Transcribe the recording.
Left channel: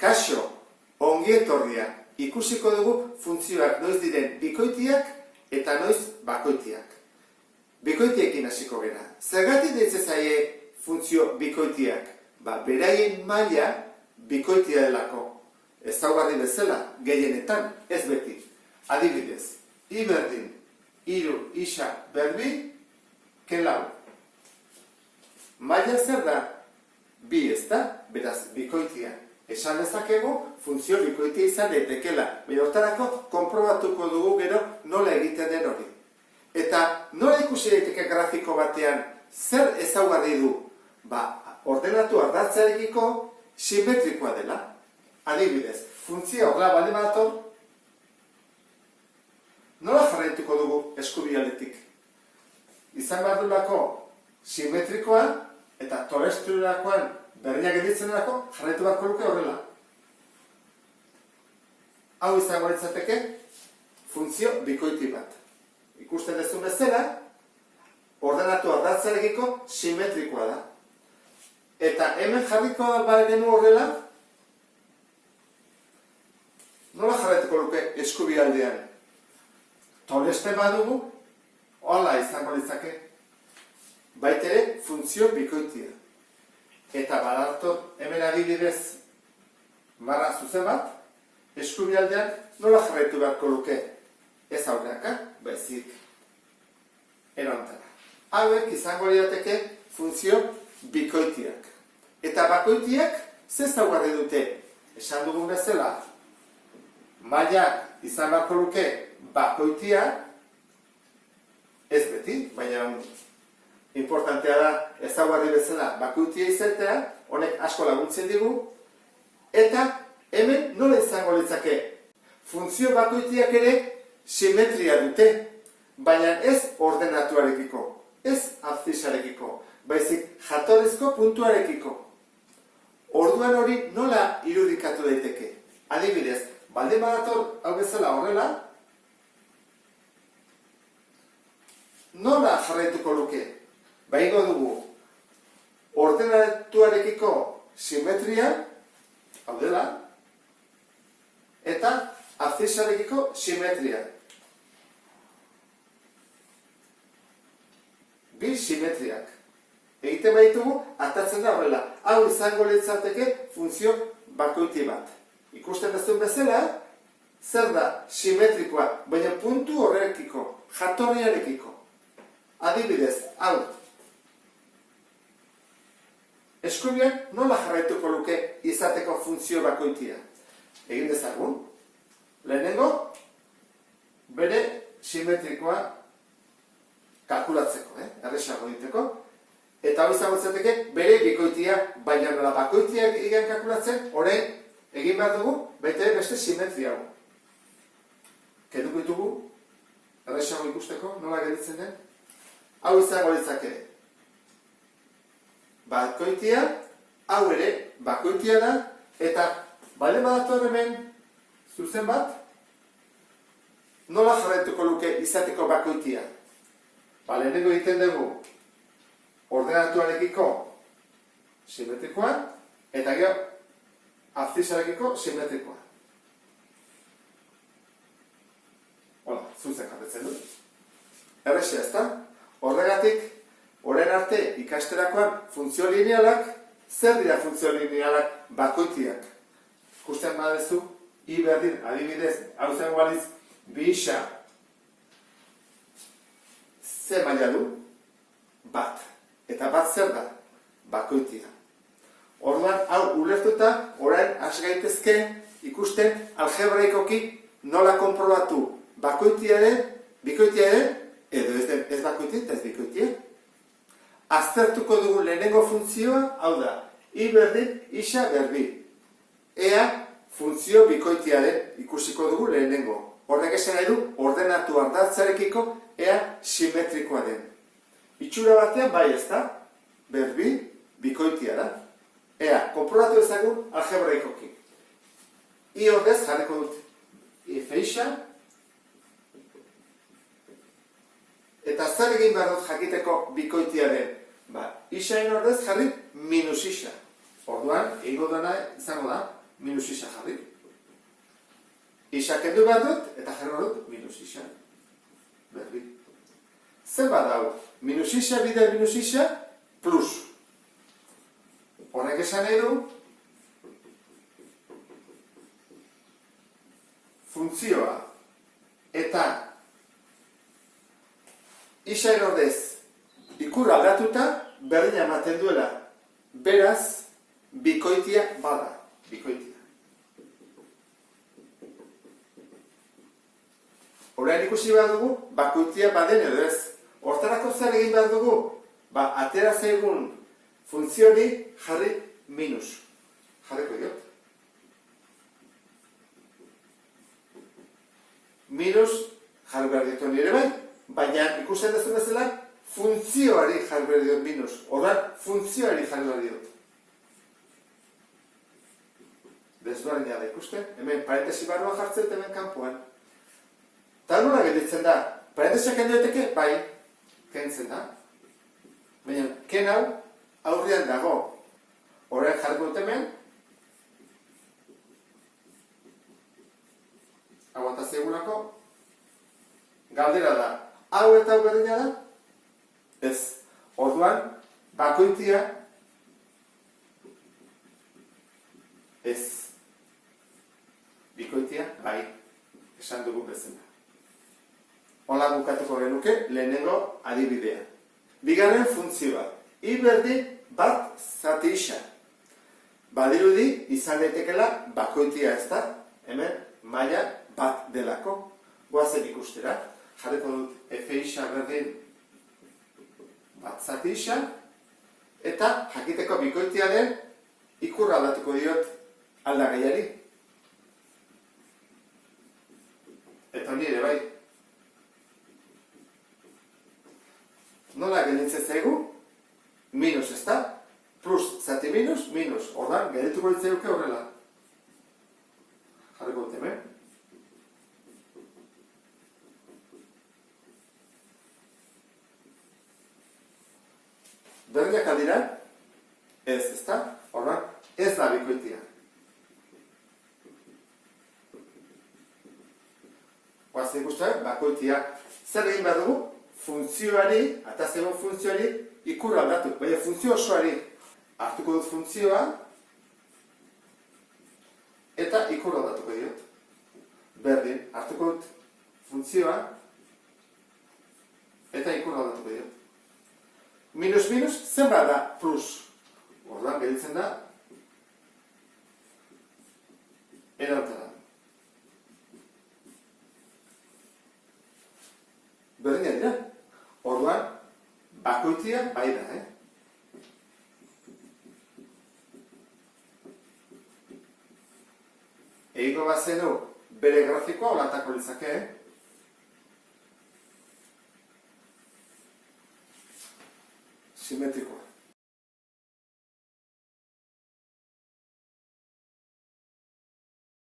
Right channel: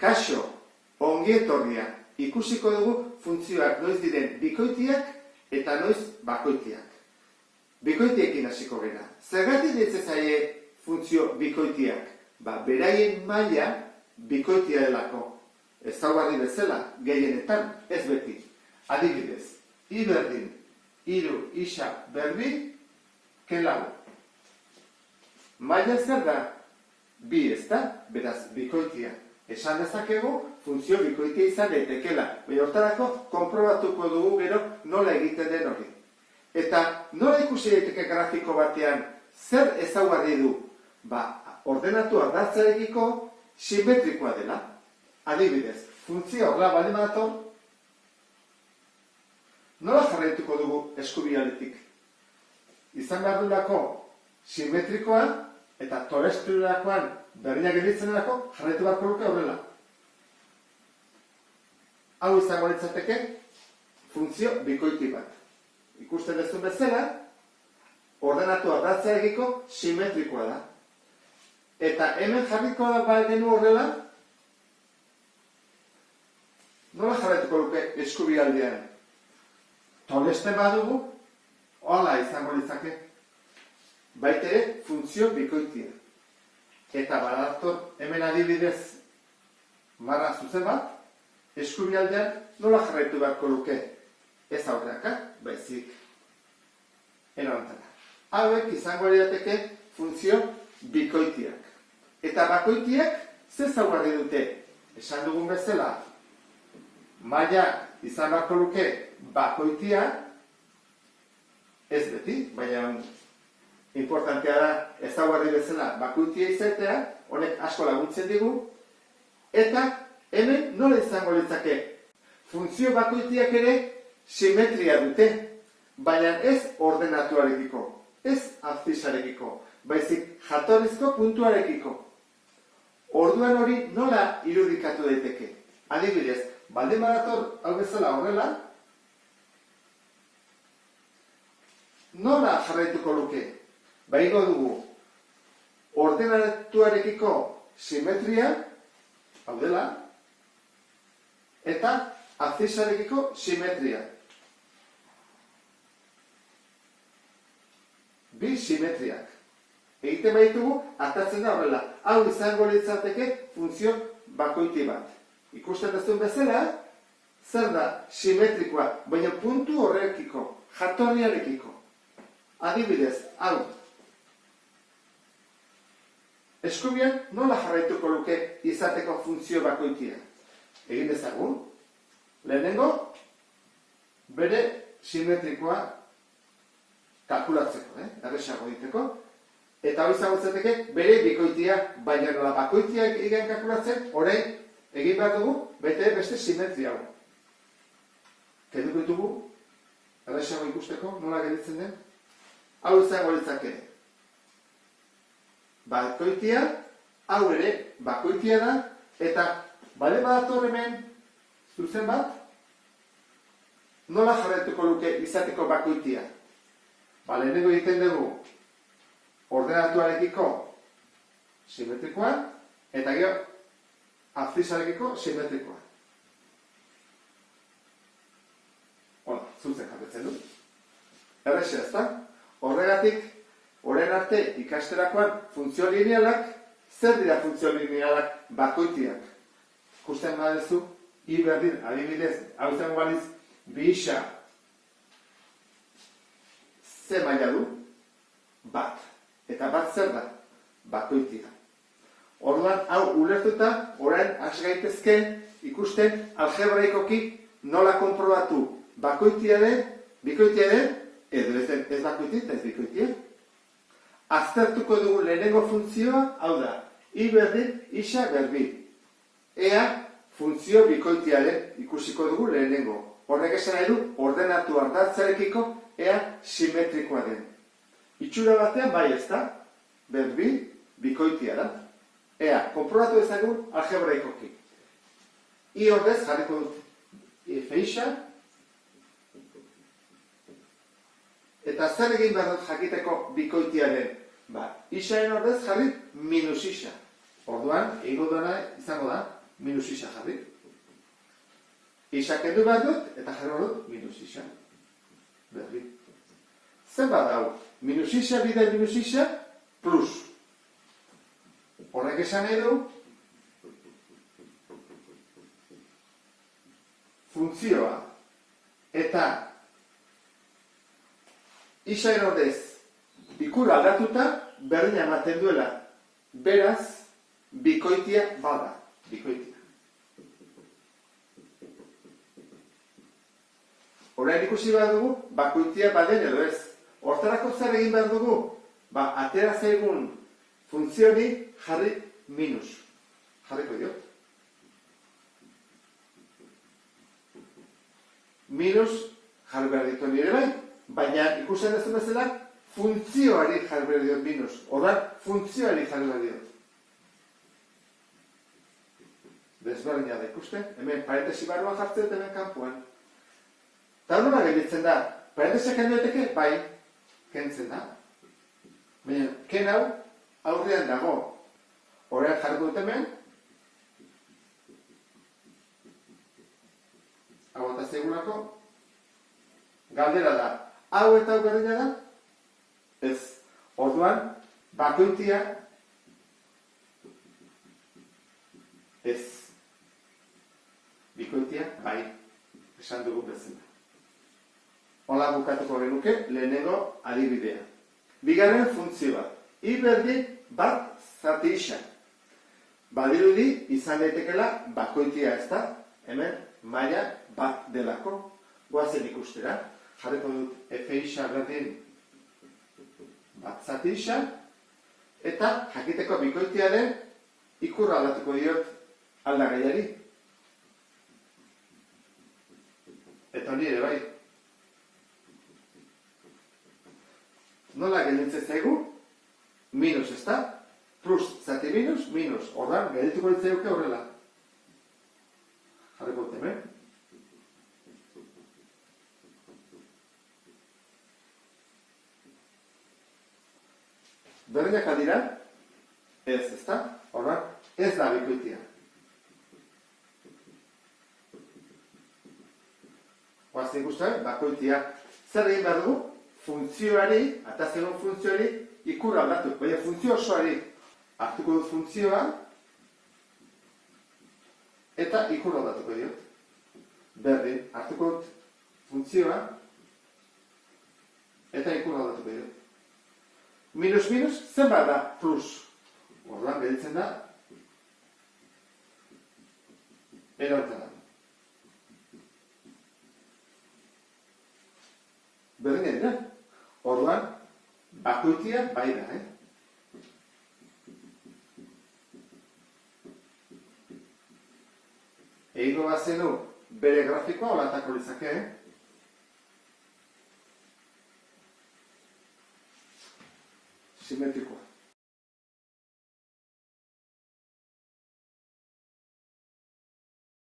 Kaixo, ongi etorria, ikusiko dugu funtzioak noiz diren bikoitiak eta noiz bakoitiak. Bikoitiekin hasiko gera. Zergatik deitzen zaie funtzio bikoitiak? Beraien maila bikoitia delako. Ezaugarri bezala, gehienetan, ez beti. Adibidez, I berdin, hiru, isa, berbi, ke lau. Maila zer da? Bi, ez da? Beraz, bikoitia. Esan dezakegu, funtzio bikoitia izan daitekela. Baina hortarako, konprobatuko dugu gero nola egiten den hori. Eta nola ikusi daiteke grafiko batean, zer ezaugarri du? Ordenatu ardatzarekiko simetrikoa dela. Adibidez, funtzio horrela baldin badator, nola jarraituko dugu eskubialetik? Izan behar duelako simetrikoa eta torestrurakoan berdinak gelditzen delako, jarraitu beharko luke horrela. Hau izango litzateke funtzio bikoiti bat. Ikusten duzun bezala, ordenatu ardatzarekiko simetrikoa da. Eta hemen jarriko denu horrela, nola jarraituko luke eskubialdean? Toreste badugu, hola izango litzake. Baitere funtzio bikoitia. Eta badator hemen adibidez barra zuzen bat, eskubialdean nola jarraitu beharko luke? Ez aurreaka, baizik erantara. Hauek izango lirateke funtzio bikoitiak. Eta bakoitiak ze ezaugarri dute? Esan dugun bezala, mailak izan beharko luke bakoitia, ez beti, baina importantea da ezaugarri bezala bakoitia izatea, honek asko laguntzen digu, eta hemen nola izango litzake? Funtzio bakoitiak ere simetria dute, baina ez ordenatuarekiko, ez abzisarekiko, baizik jatorrizko puntuarekiko. Orduan hori nola irudikatu daiteke? Adibidez, baldin badator hau bezala horrela, nola jarraituko luke? Baigo dugu, ordenatuarekiko simetria, hau dela, eta abzisarekiko simetria. Bi simetriak. Egiten baditugu, atatzen da horrela. Hau izango litzateke funtzio bakoiti bat. Ikusten duzun bezala, zer da simetrikoa, baina puntu horrekiko, jatorriarekiko. Adibidez, hau. Eskubian nola jarraituko luke izateko funtzio bakoitia? Egin dezagun. Lehenengo, bere simetrikoa kalkulatzeko, erresago diteko. Eta hau izango litzateke bere bikoitia, baina nola bakoitia egin kalkulatzen, orain egin behar dugu beste simetria hau. Kenduko ditugu, erresago ikusteko, nola gelditzen den? Hau izango litzake. Bakoitia, hau ere bakoitia da, eta bale badator hemen zuzen bat, nola jarraituko luke izateko bakoitia? Lehenengo egiten dugu ordenatuarekiko simetrikoa, eta gero abzisarekiko simetrikoa. Hola, zuzen jarretzen du. Errexea, ezta? Horregatik, orain arte ikasterakoan funtzio linealak, zer dira funtzio linealak bakoitiak? Ikusten badezu, I berdin, adibidez, hau zen baliz, bi isa, ze maila du? Bat. Eta bat zer da? Bakoitia. Orduan, hau ulertuta, orain has gaitezke ikusten algebraikoki nola konprobatu bakoitia den, bikoitia den, edo ez bakoitia eta ez bikoitia. Aztertuko dugu lehenengo funtzioa, hau da, I berdin, isa berbi. Ea funtzio bikoitia den ikusiko dugu lehenengo. Horrek esan nahi du ordenatu ardatzarekiko ea simetrikoa den. Itxura batean bai ez da, berbi, bikoitia da. Ea, konprobatu ezagun algebraikoki. I horrez jarriko dut feixa, eta zer egin behar dut jakiteko bikoitia den? Isaen horrez jarri minus isa. Orduan, egingo duena izango da, minus isa jarri. Isa kendu behar dut, eta jarri behar dut minus isa. Berdin. Zenbat hau? Minus isa bider minus isa plus. Horrek esan nahi du funtzioa eta isa erordez ikur aldatuta berdina ematen duela. Beraz, bikoitia bada. Bikoitia. Orain ikusi behar dugu, bakoitia baden edo ez. Hortarako zer egin behar dugu? Atera zaigun funtzioni jarri minus. Jarriko diot. Minus jarri behar ditu nire bai, baina ikusten dezun bezala, funtzioari jarri behar diot minus. Ordan, funtzioari jarri behar diot. Desberdina da ikusten, hemen parentesi barruan jartzen dut hemen kanpoan. Eta nola gelditzen da? Parentesiak kendu daiteke? Bai, kentzen da. Baina, ken hau aurrean dago. Horrean jarriko dut hemen. Hau eta zegulako. Galdera da. Hau eta hau berdina da? Ez. Orduan, bakoitia ez. Bikoitia, bai. Esan dugu bezala. Hola bukatuko genuke lehenengo adibidea. Bigarren funtzioa. I berdin bat zati isa. Badirudi izan daitekela bakoitia ez da. Hemen maila bat delako. Goazen ikustera. Jarriko dut F isa berdin bat zati isa. Eta jakiteko bikoitia den ikur aldatuko diot aldagaiari. Eta nire bai. Nola gelditzen zaigu? Minus, ez da? Plus, zati minus, minus. Ordan, geldituko ditzaiuke horrela. Jarriko dut hemen. Berdinak aldira? Ez, ez da? Ordan, ez da bikoitia. Guazen ikusten, bakoitia. Zer egin behar dugu? Funtzioari, eta zegoen funtzioari, ikur aldatu. Baina funtzio osoari hartuko dut funtzioa, eta ikur aldatuko diot. Berdin, hartuko dut funtzioa, eta ikur aldatuko diot. Minus, minus, zenbat da plus. Ordan, gelditzen da, erantara. Berdina dira. Orduan, bakoitia bai da, Egingo bazenu bere grafikoa holatako litzake, Simetrikoa.